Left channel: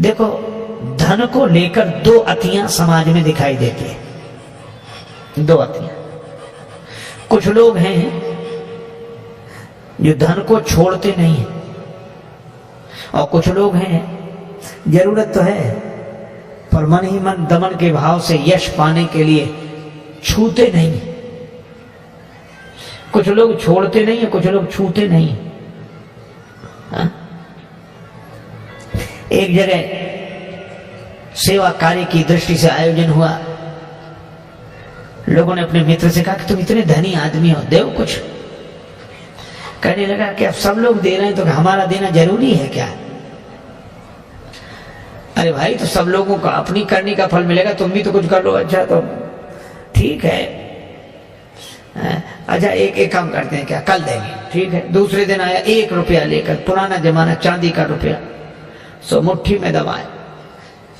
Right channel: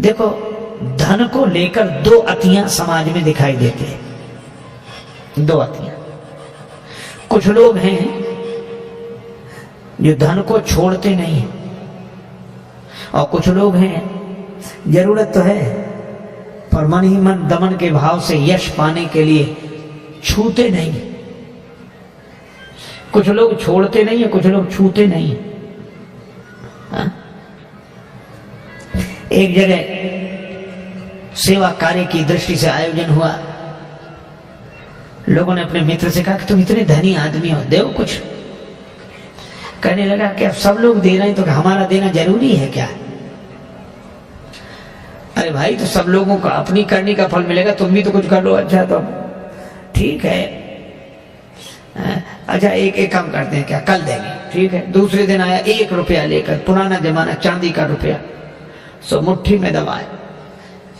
देखो, धन को लेकर दो अतियां समाज में दिखाई देती है, दो अतियां। कुछ लोग हैं जो धन को छोड़ते नहीं हैं, और कुछ लोग हैं जरूरत तो है पर मन ही मन दमन के भाव से यश पाने के लिए छूते नहीं। कुछ लोग छोड़ते नहीं है, कुछ लोग छूते नहीं है। एक जगह सेवा कार्य की दृष्टि से आयोजन हुआ। लोगों ने अपने मित्र से कहा कि तुम इतने धनी आदमी हो, दो कुछ। कहने लगा कि अब सब लोग दे रहे हैं तो हमारा देना जरूरी है क्या? अरे भाई, तो सब लोगों का अपनी करने का फल मिलेगा, तुम भी तो कुछ कर लो। अच्छा तो ठीक है, अच्छा एक काम करते हैं, क्या कल देंगे? ठीक है। दूसरे दिन आया 1 रुपया लेकर, पुराना जमाना, चांदी का रुपया, सो मुट्ठी में दबाए।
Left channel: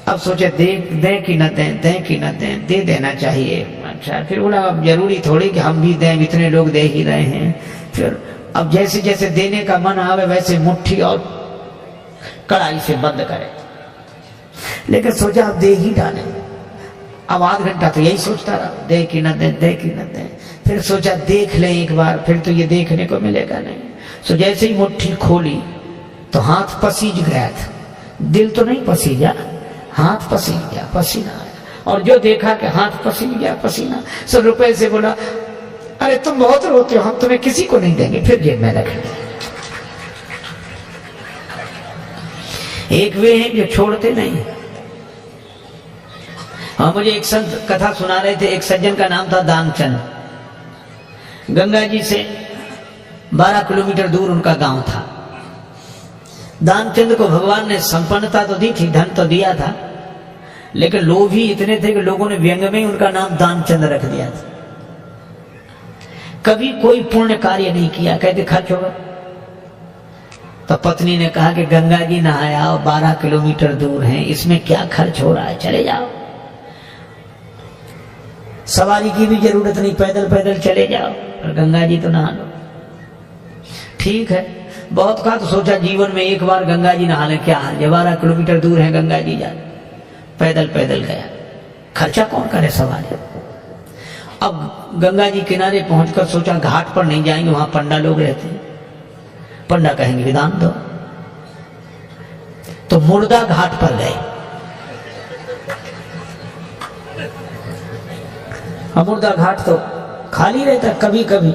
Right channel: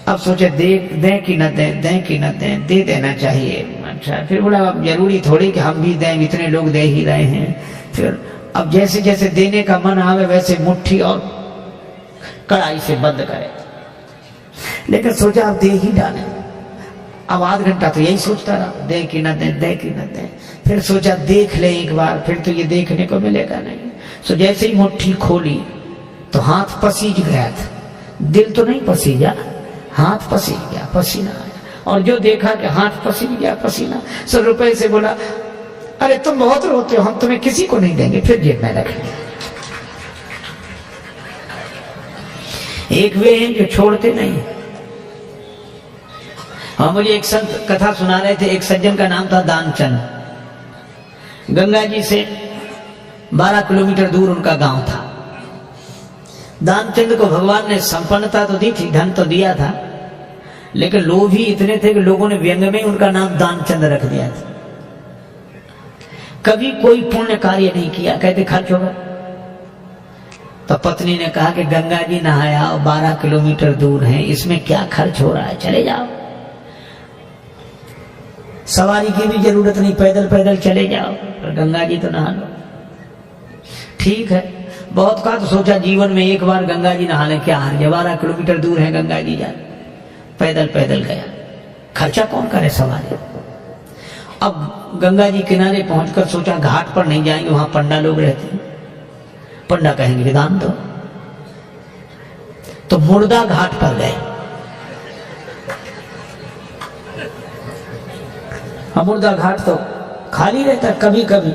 अब सोचे दें कि न दें, दें कि न दें, दे देना चाहिए। अच्छा, फिर बोला अब जरूरी थोड़ी कि हम भी दें, इतने लोग दे ही रहे हैं। फिर अब जैसे जैसे देने का मन आवे वैसे मुट्ठी और कड़ाई से बंद करे, लेकिन सोचा अब दे ही डालें। अब आध घंटा तो यही सोचता रहा, दें कि न दें, दें कि न दें। फिर सोचा देख लें एक बार, फिर तो ये देखने को मिलेगा नहीं। सो जैसे ही मुट्ठी खोली तो हाथ पसीज गया था, दिल तो नहीं पसीजा, हाथ पसीज गया, पसीना आया। और जो देखा कि हाथ पसीज गया, पसीना, सब रुपए से बोला अरे तुम बहुत रोते हो, हम तुम्हें किसी को नहीं देंगे, फिर जेब में रखेंगे। एक वे हैं जो छोड़ते नहीं। हाँ, मुझे एक संत कथा सुना रहे थे। एक सज्जन का नाम था दानचंद। गंगा जी से 12 किलोमीटर दूर उनका गांव था। दानचंद को भगवान ने संपन्नता तो दी थी, धन तो दिया था, लेकिन लोभ ही इतने थे कि लोगों ने व्यंग में ही उनका नाम दानचंद रख दिया था। कभी कोई पुण्य कार्य नहीं किया, कहते खर्च होगा। तो पत्नी ने कहा कि गंगा जी नहाया और 12 किलोमीटर दूर हैं, इसमें क्या खर्च हो रहा है, चले जाओ। सवारी की भी जरूरत नहीं, पैदल पैदल चले जाओ, पर गंगा जी तो नहा लो। ठीक है, बहुत कहा तो सोचा जीवन में एक बार गंगा जी नहा लें, क्या हर्ज, 12 किलोमीटर दूर है गंगा जी, जा पैदल पैदल गया, खर्चा कौन करे सवारी। अब गंगा जी किनारे पहुंचकर सोचा घाट पर नहीं जाएंगे, वहां पंडा लोग रहते हैं, पंडा कहेंगे कि दान दो। तो मुर्दा घाट पर गए। मुर्दा घाट तो खाली रहता, कभी कभी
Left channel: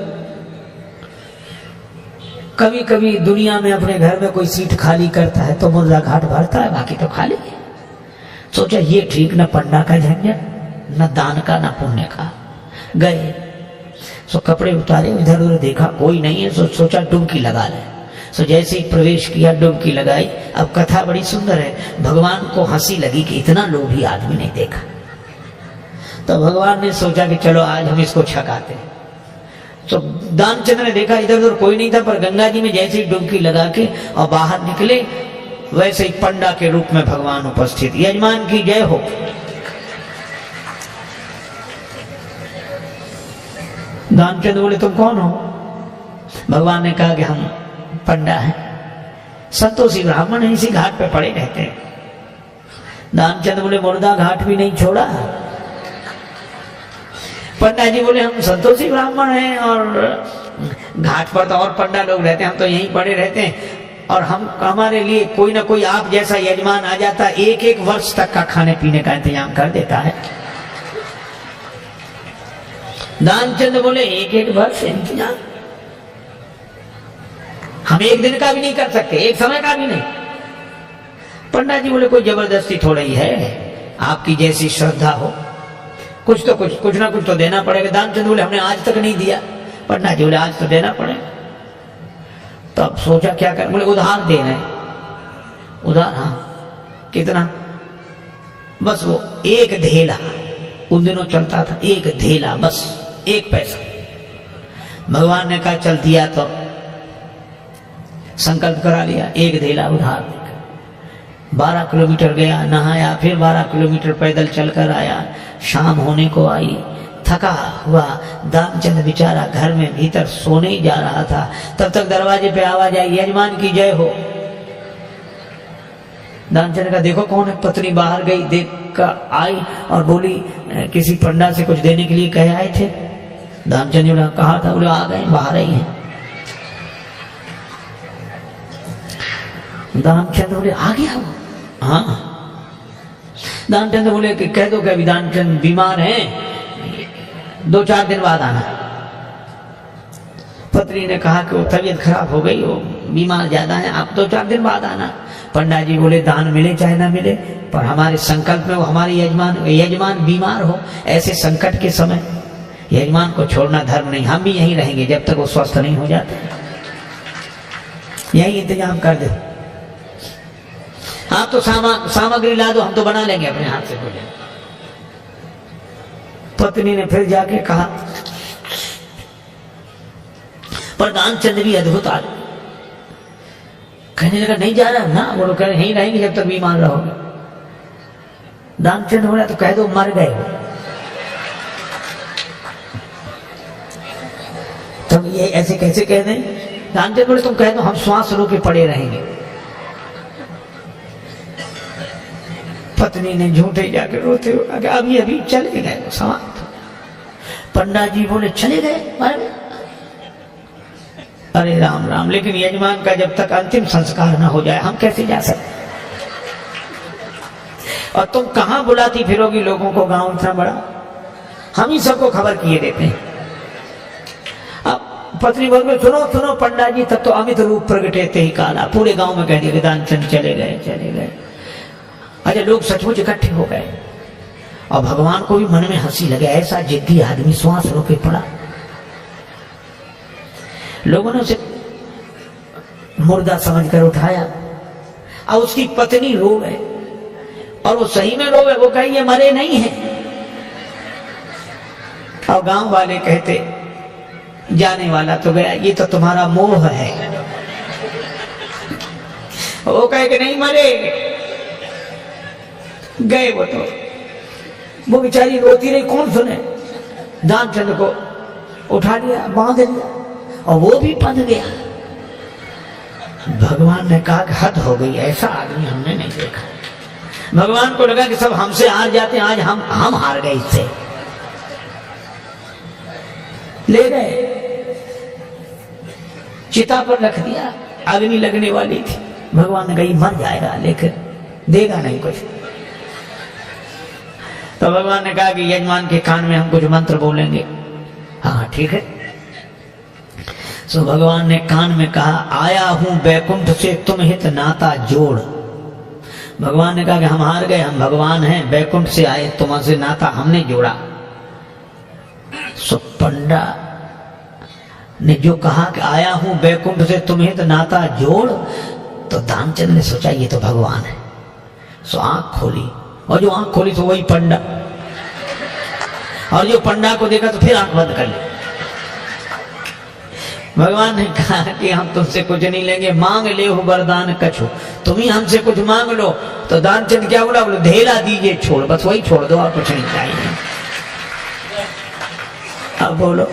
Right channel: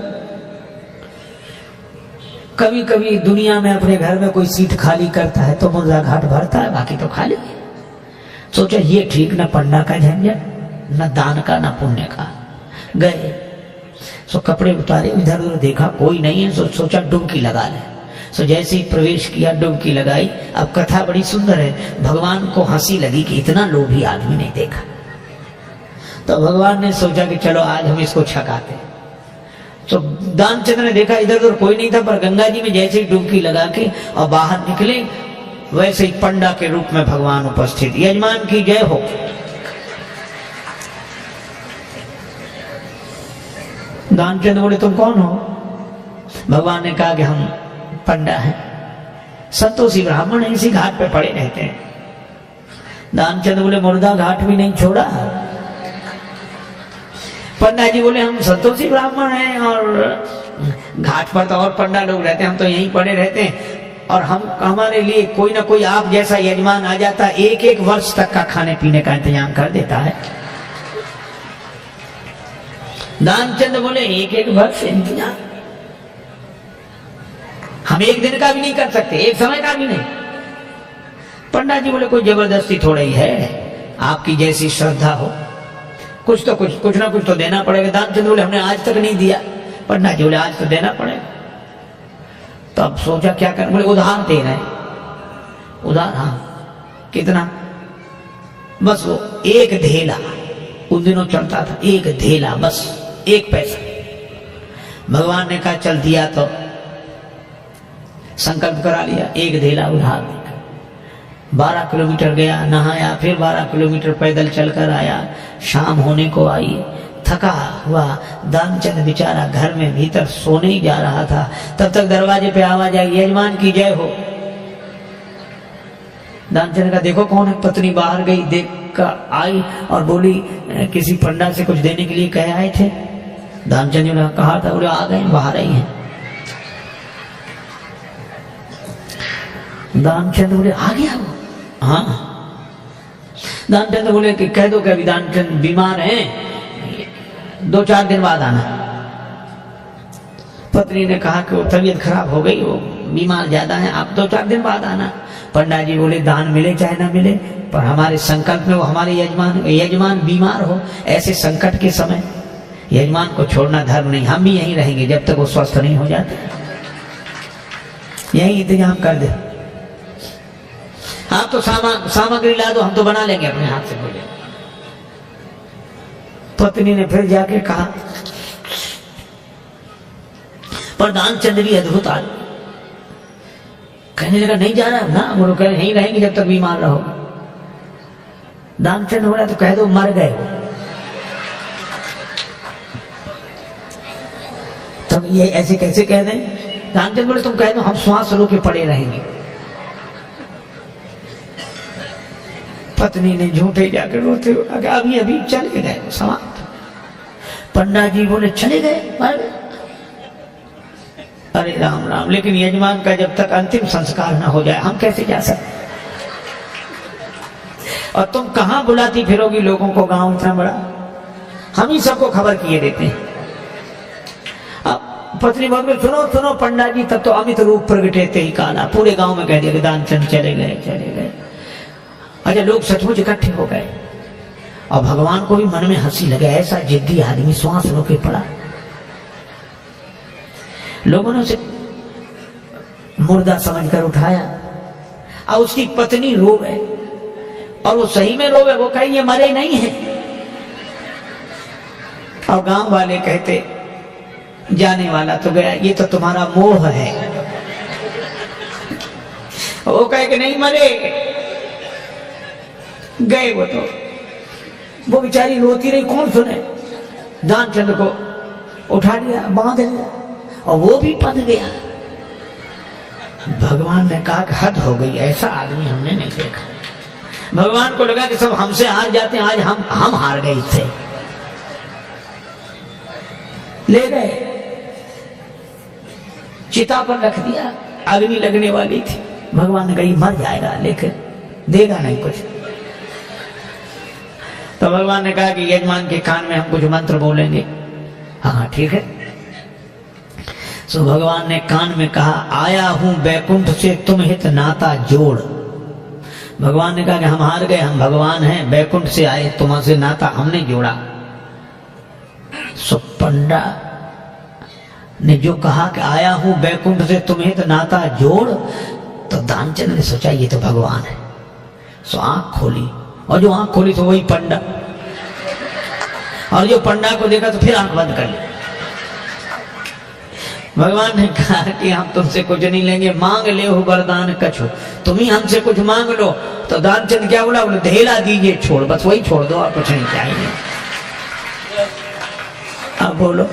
कभी कभी दुनिया में अपने घर में कोई सीट खाली करता है तो मुर्दा घाट भरता है, बाकी तो खाली है। सोचा ये ठीक, न पंडा का झंझट, न दान का, न पुण्य का। गए, सो कपड़े उतारे, इधर उधर देखा कोई नहीं है, सोचा डुबकी लगा ले। सो जैसे ही प्रवेश किया, डुबकी लगाई। अब कथा बड़ी सुंदर है। भगवान को हंसी लगी कि इतना लोभी आदमी नहीं देखा। तो भगवान ने सोचा कि चलो आज हम इसको छकाते। तो दानचंद्र ने देखा इधर उधर कोई नहीं था, पर गंगा जी में जैसे ही डुबकी लगा के और बाहर निकले, वैसे ही पंडा के रूप में भगवान उपस्थित। यजमान की जय हो। दानचंद बोले तुम कौन हो? भगवान ने कहा कि हम पंडा हैं, संतोषी ब्राह्मण है, इसी घाट पे पड़े रहते हैं। दानचंद बोले मुर्दा घाट भी नहीं छोड़ा। पंडा जी बोले हम संतोषी ब्राह्मण हैं और घाट पर तो और पंडा लोग रहते हैं, हम तो यहीं पड़े रहते हैं, और हमारे लिए कोई ना कोई आप जैसा यजमान आ जाता, 1-1 वर्ष तक का खाने पीने का इंतजाम कर देता है। दानचंद बोले 1-1 वर्ष इंतजाम? हम एक दिन का भी नहीं कर सकते, एक समय का भी नहीं। पंडा जी बोले कोई जबरदस्ती थोड़ा ही है, आपकी जैसी श्रद्धा हो, कुछ ना कुछ तो देना पड़ेगा। दानचंद बोले हमने आज तक नहीं दिया। पंडा जी बोले आज तो देना पड़ेगा। तो अब सोचा क्या कर, बोले उधार दे रहे हैं। उधार? हाँ। कितना? बस वो 1 धेला, उन दिनों चलता था 1 धेला, बस 1 पैसा। भगवान ने कहा चल दिया, तो संकल्प करा लिया 1 धेला उधार देकर। 12 किलोमीटर गया, नहाया, फिर 12 किलोमीटर पैदल चलकर आया। शाम होने को आई, थका हुआ दानचंद बेचारा घर में भीतर सोने ही जा रहा था। तब तक दरवाजे पे आवाज आई, यजमान की जय हो। दानचंद का देखो कौन है। पत्नी बाहर गई, देख कर आई और बोली किसी पंडा से कुछ देने के लिए कह आए थे। दानचंद जी ने कहा था, बोले आ गए, बाहर आई हैं। दानचंद बोले आ गया वो? हाँ। दानचंद बोले कि कह दो कि अभी दानचंद बीमार हैं, 2-4 दिन बाद आना। पत्नी ने कहा कि वो तबीयत खराब हो गई, वो बीमार ज्यादा है, आप 2-4 दिन बाद आना। पंडा जी बोले दान मिले चाहे ना मिले, पर हमारे संकल्प में वो हमारे यजमान बीमार हो, ऐसे संकट के समय यजमान को छोड़ना धर्म नहीं। हम भी यहीं रहेंगे जब तक वो स्वस्थ नहीं हो जाते, यही इंतजाम कर दे। आप तो सामग्री ला दो, हम तो बना लेंगे अपने हाथ से भोजन। पत्नी ने फिर जाके कहा, पर दानचंद भी अद्भुत आदमी, कहने लगा नहीं जा रहा ना, वो लोग कह रहे यहीं रहेंगे जब तक बीमार रहोगे। दानचंद बोला तो कह दो मर गए हो। तब ये ऐसे कैसे कह दें? दानचंद बोले तुम कह दो हम श्वास रोके पड़े रहेंगे। पत्नी ने झूठे जाकर रोते हुए अभी अभी चले गए वो समाप्त। पंडा जी बोले चले गए, मर गए? अरे राम राम, लेकिन यजमान का जब तक अंतिम संस्कार ना हो जाए हम कैसे जा सकते? और तुम कहां बुलाती फिरोगी लोगों को, गांव इतना बड़ा, हम ही सबको खबर किए देते हैं। अब पत्नी बोल सुनो सुनो पंडा जी, तब तो अमित रूप प्रगटेते ही काला, पूरे गांव में कह दिया कि दानचंद चले गए चले गए। अच्छा, लोग सचमुच इकट्ठे हो गए और भगवान को भी मन में हंसी लगे, ऐसा जिद्दी आदमी श्वास रोके पड़ा। लोगों ने उसे मुर्दा समझकर उठाया और उसकी पत्नी रो गए, और वो सही में रो गए, वो कहे ये मरे नहीं है। और गांव वाले कहते जाने वाला तो गया, ये तो तुम्हारा मोह है। वो कहे कि नहीं मरे, गए वो तो। वो बेचारी रोती रही, कौन सुने। दानचंद को उठा लिया, बांध लिया और वो भी बंध गया। भगवान ने कहा कि हद हो गई, ऐसा आदमी हमने नहीं देखा। भगवान को लगा कि सब हमसे हार जाते हैं, आज हम हार गए इससे। ले गए, चिता पर रख दिया, अग्नि लगने वाली थी। भगवान ने कहा ये मर जाएगा लेकिन देगा नहीं कुछ। तो भगवान ने कहा कि यजमान के कान में हम कुछ मंत्र बोलेंगे। हाँ ठीक है। सो भगवान ने कान में कहा, आया हूं बैकुंठ से तुम हित नाता जोड़। भगवान ने कहा कि हम हार गए, हम भगवान हैं, बैकुंठ से आए, तुमसे नाता हमने जोड़ा। सो पंडा ने जो कहा कि आया हूं बैकुंठ से तुम हित नाता जोड़, तो दानचंद ने सोचा ये तो भगवान है। सो आंख खोली, और जो आंख खोली तो वही पंडा, और जो पंडा को देखा तो फिर आंख बंद कर ली। भगवान ने कहा कि हम तुमसे कुछ नहीं लेंगे, मांग ले हो वरदान कछु, तुम ही हमसे कुछ मांग लो। तो दानचंद क्या बोला? बोले धेला दीजिए छोड़, बस वही छोड़ दो और कुछ नहीं चाहिए। अब बोलो,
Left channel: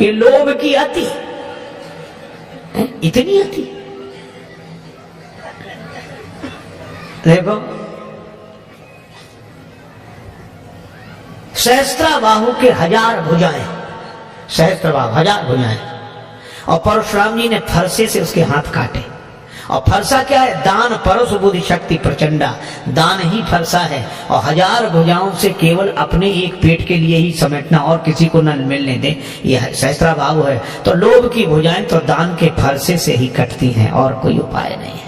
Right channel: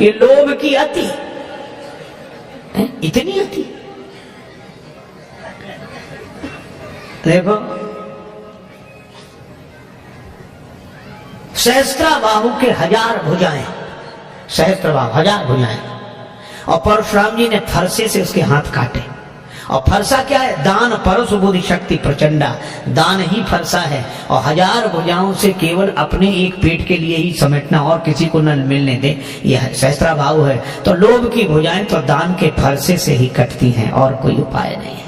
ये लोभ की अति, इतनी अति। देखो सहस्त्राबाहु के 1000 भुजाएं, सहस्त्रबाहु 1000 भुजाएं, और परशुराम जी ने फरसे से उसके हाथ काटे। और फरसा क्या है? दान परस बुद्धि शक्ति प्रचंडा, दान ही फरसा है। और 1000 भुजाओं से केवल अपने एक पेट के लिए ही समेटना और किसी को न मिलने दे, यह सहस्त्राबाहु है। तो लोभ की भुजाएं तो दान के फरसे से ही कटती हैं, और कोई उपाय नहीं है।